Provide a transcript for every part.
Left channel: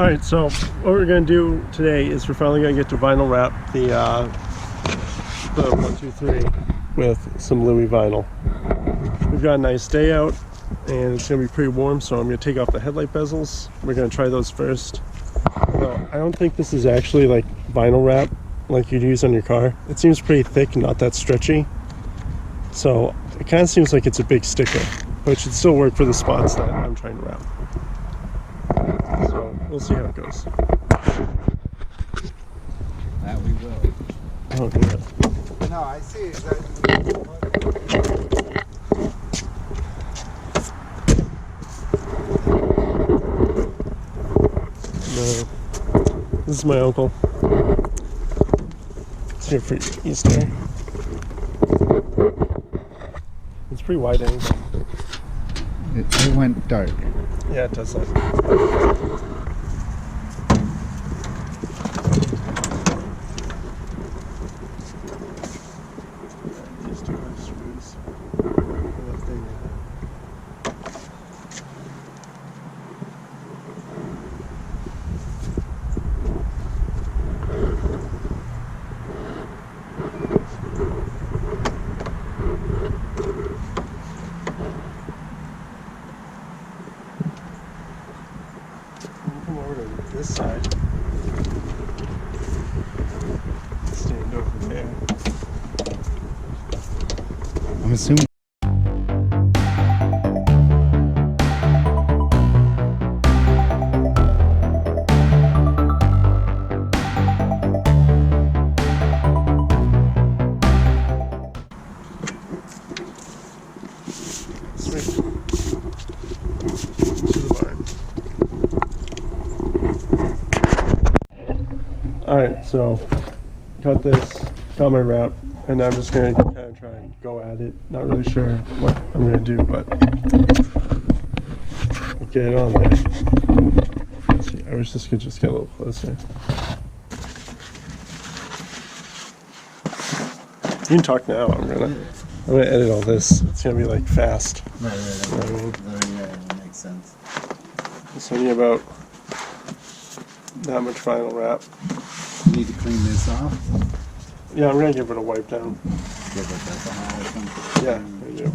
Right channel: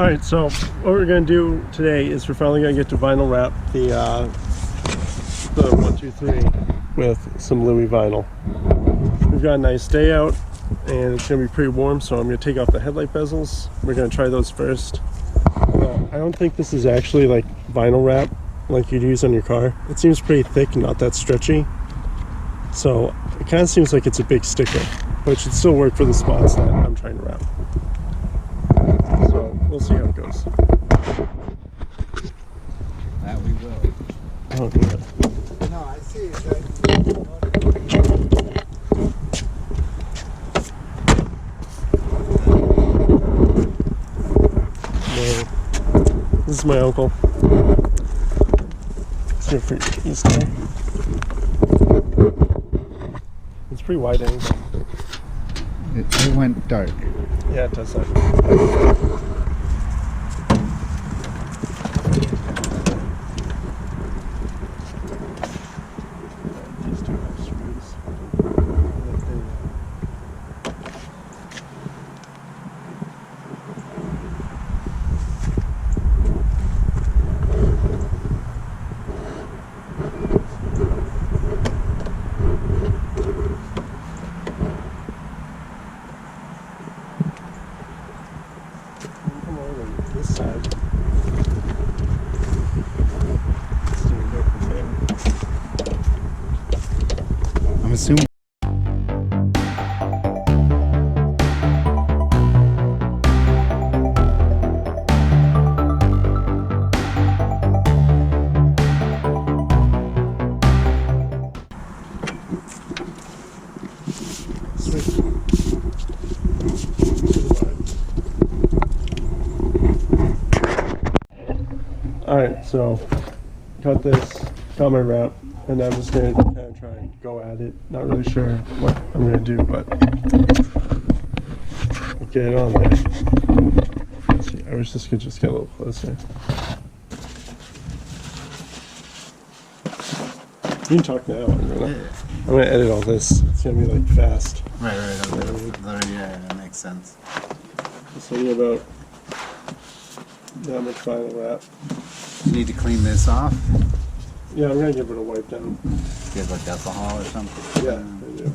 Alright, so what we're going to do today is we're finally going to get to vinyl wrap the 123 with some Louie vinyl. We've got a nice day out and it's going to be pretty warm, so I'm going to take off the headlight bezels. We're going to try those first. Although I don't think this is actually like vinyl wrap like you'd use on your car. It seems pretty thick and not that stretchy. So it kind of seems like it's a big sticker, but it should still work for the spots that I'm trying to wrap. So we'll see how it goes. That we will. Oh, good. No, I see it. No. This is my uncle. It's here for Easter. It's pretty wide angle. It went dark. Yeah, it does that. These do have screws. I don't know if they come over to this side. Stand over there. I'm assuming. Sweet. To the barn. Alright, so got this, got my wrap, and I'm just going to kind of try and go at it. Not really sure what I'm going to do, but I'll get it on there. Let's see, I wish this could just get a little closer. You can talk now. I'm gonna edit all this. It's gonna be like fast. Right. Yeah, that makes sense. It's only about that much vinyl wrap. You need to clean this off. Yeah, I'm gonna give it a wipe down. Give like alcohol or something. Yeah, I do.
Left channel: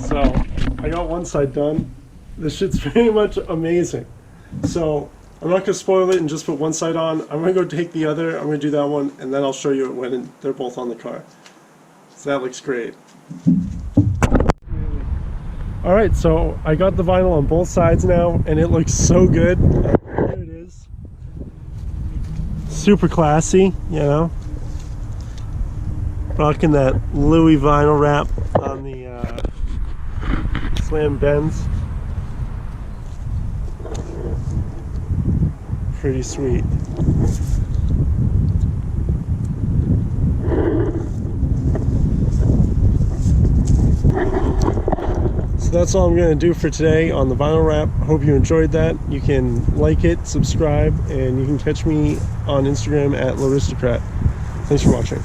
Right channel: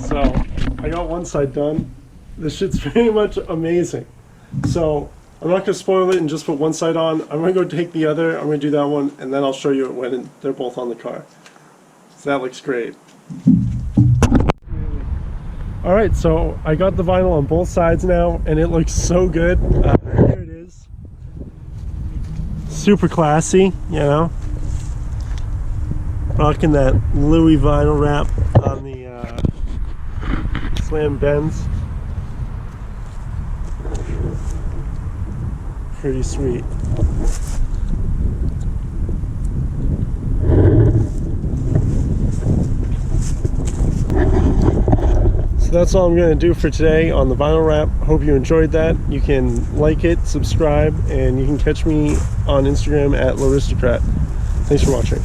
So I got one side done. This shit's pretty much amazing. So I'm not gonna spoil it and just put one side on. I'm gonna go take the other. I'm gonna do that one, and then I'll show you it when they're both on the car. So that looks great. All right, so I got the vinyl on both sides now, and it looks so good. Here it is. Super classy, you know. Rocking that Louie vinyl wrap on the Slam Benz. Pretty sweet. So that's all I'm going to do for today on the vinyl wrap. Hope you enjoyed that. You can like it, subscribe, and you can catch me on Instagram at Lowristocrat. Thanks for watching.